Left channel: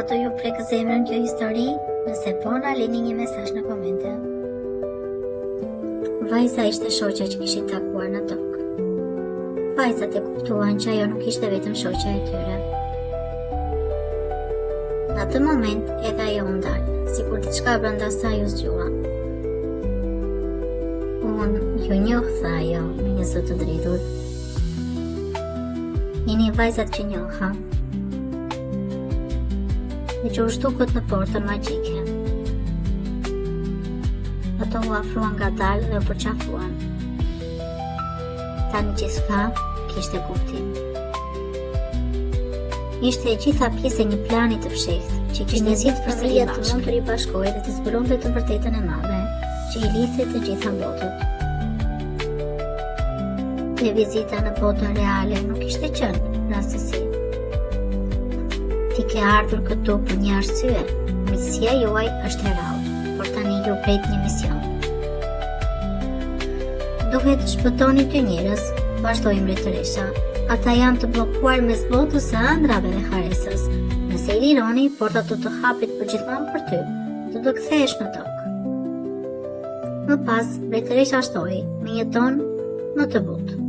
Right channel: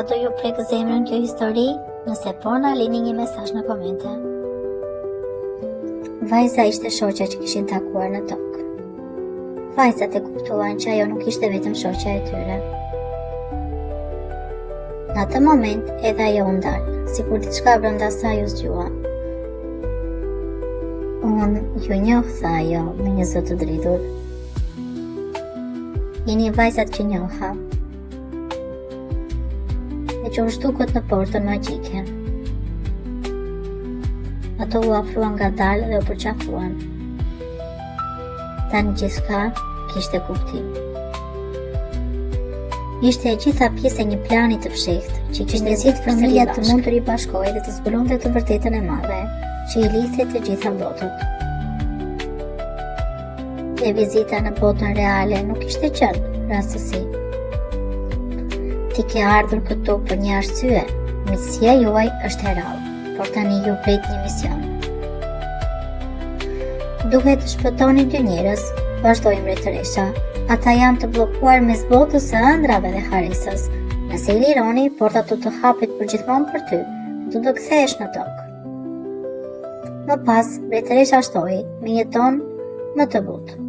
Ato ju prek zemrën kjo histori? Nëse po, na lini një mesazh në komente. Vajza ishte shoqja që kishin takuar në tokë. Vajzat e kuptuan që ajo nuk ishte vetëm shoqja e tyre. Në atë moment edhe ajo u ndal, sikur diçka brenda saj u zgjua. Unë ju njoh, tha ajo me një zot të dritur. Jeni vajzat që njoha. E që u shtukët në portën magjike. Ato u afruan ngadalë dhe u përqafuan. Tani gjithçka kishte kuptim. Ishte e gjitha pjesë e një plani të fshehtë, që kishte zgjedhur familja të mund të ribashkohej dhe të zbulonte të vërtetën e madhe, që i lidhte të gjitha botët. Dhe vizita në botën reale nuk ishte qenë rastësi. Ti ke ardhur këtu për një arsye. Misionia juaj është e rrallë, por tani ju pret një mision. Duhet të shpëtoni dy njerëz, vazhdoi mbretëresha. Ata janë të bllokuar mes botës së ëndrave dhe haresës. Nëse i lironi, portat do të hapet përgjithmonë për ty, do të kthehesh në tokë. Më pas, mbretëresha shtoi me një ton më të butë.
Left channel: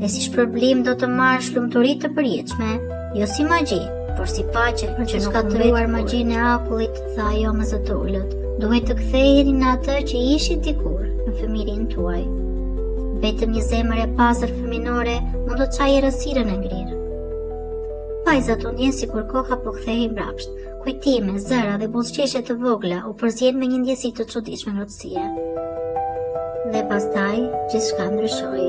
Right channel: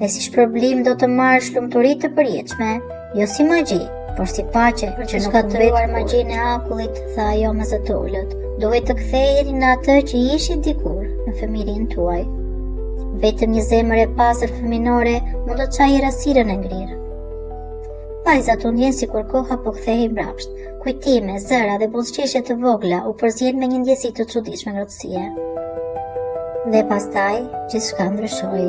Dhe si shpërblim do të marrësh lumturi të përjetshme, jo si magji, por si paqe, për që shkatëruar magjinë e akullit, tha ajo me zë të ulët. Duhet të ktheheni në atë që ishit dikur në familjen tuaj. Vetëm një zemër e pastër fëminore mund të çajë errësirën e ngrirë. Vajzat u ndjen sikur koha po kthehej mbrapsht. Kujtime, zëra dhe buzëqeshje të vogla u përzien me një ndjesi të çuditshme ngrohtësie. Dhe pastaj gjithçka ndryshoi.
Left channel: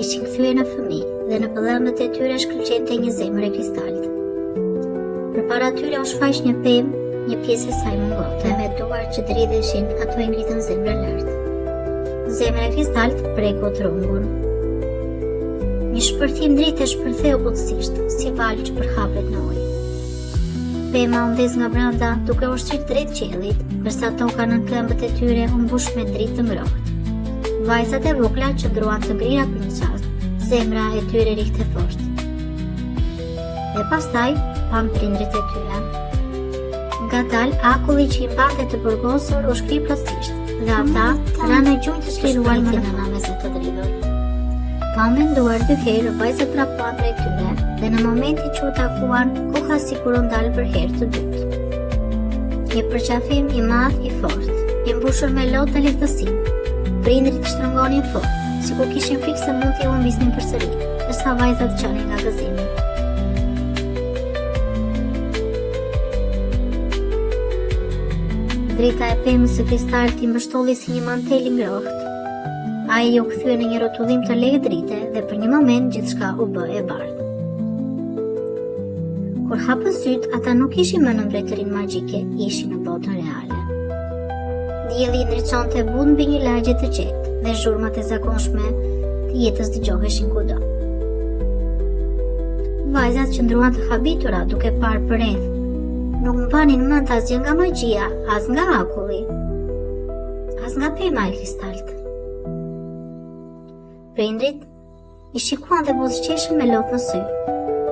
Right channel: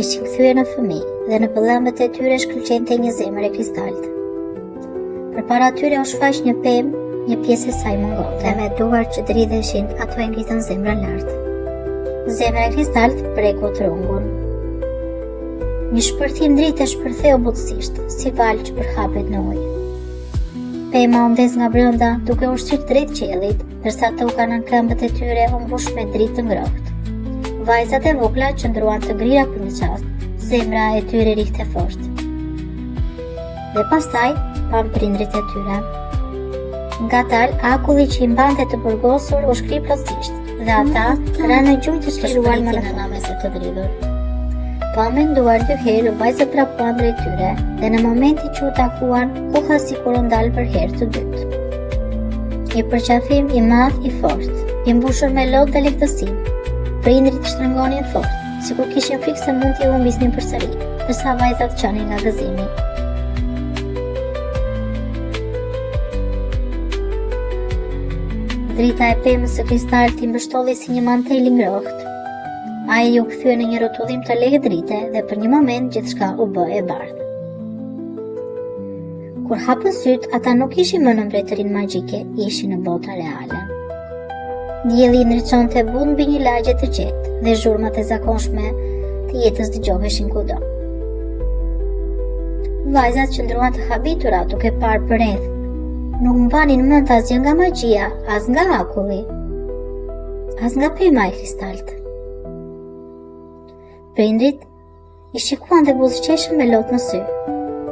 Ishin kthyer në fëmijë dhe në pëllëmbët e tyre shkëlqente një zemër e kristalit. Përpara tyre u shfaq një pemë, një pjesë e saj mungonte, dhe me duar që dridheshin, ato e ngritën zemrën lart. Zemra e kristalit preku trungun. Një shpërthim dritë e shpërtheu butësisht, si valë që përhapet në ujë. Pema u ndez nga brenda, duke u shqyrë drejt qiellit, ndërsa toka në këmbët e tyre u mbush me dritë të ngrohtë. Vajzat e vogla qëndruan të ngrira për një çast, zemra e tyre rihte fort. Dhe pastaj pam prindrit e tyre. Ngadalë, akulli që i mbante të burgosur u shkri plotësisht, dhe ata ranë në gjumë të shkriruar më në namese të dridhur. Pa menduar dy herë, vajzat prapuan drejt tyre, dhe në momenti që u takuan, koha sikur u ndal për herë të dytë. Një përqafim i madh i fortë, i mbushur me lodhë dhe lehtësim. Prindrit shtrëngonin fort, sikur kishin frikë se mund t'i humbisnin përsëri, ndërsa vajzat qanin nga gëzimi. Drita e pemës së kristalit i mbështolli si një mantel i ngrohtë. Ai u kthye në një rrotullim të lehtë drite dhe për një moment gjithçka u bë e bardhë. Kur hapën syt, ata nuk ishin më në mbretërinë magjike, ishin në botën reale. Dielli ndriçonte bunë mbi një lagje të qetë dhe zhurmat e zakonshme të jetës dëgjoheshin kudo. Vajzat qëndruan të habitura duke parë përreth. Nuk mbanin mend asgjë nga magjia, as nga akulli, as nga pema e kristalit. Prindrit i shikuan dhe buzëqeshën me lotë në sy,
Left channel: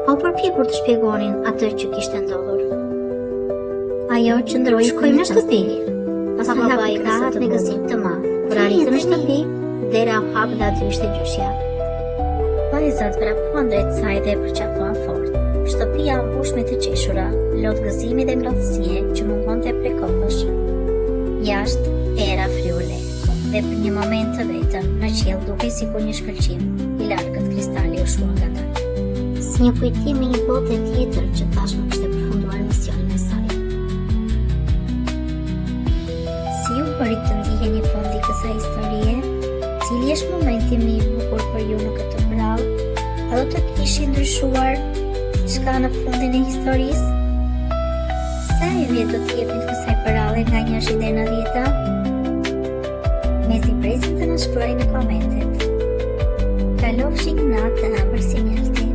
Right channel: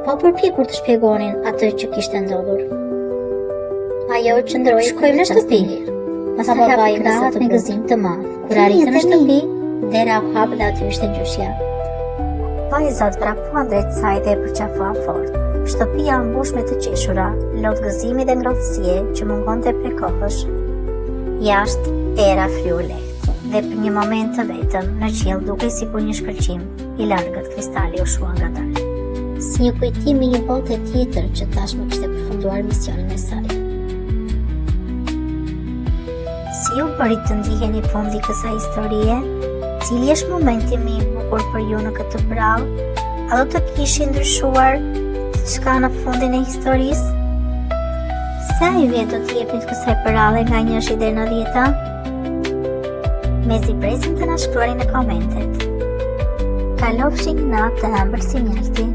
pa përpjekur të shpjegonin atë që kishte ndodhur. Ajo qëndroi shkojmë në shtëpi. Pas babai ngrahët me gëzim të madh. Kur arritën në shtëpi, dera u hap dhe aty ishte gjyshja. Vajzat vrapuan drejt saj dhe e përqafuan fort. Shtëpia u mbush me të qeshura, lot gëzimi dhe ngrohtësie që mungonte prej kohësh. Jashtë era fliu lehtë, dhe për një moment të vetëm në qiell dukej sikur një shkëlqim i largët kristali u shua ngadalë. Si një kujtim i një bote tjetër që tashmë kishte përfunduar misionin e saj. Si ju bërit të ndiheni fondi kësaj historie? Cili është momenti më i bukur për ju në këtë prallë? A do të kishin ndryshuar diçka në fundin e historisë? Sa i vjet do të jepni kësaj prallë nga 1 deri në 10? Mezi presim të na shkruani në komentet. Kalofshi një natë të ëmbël si mjalti.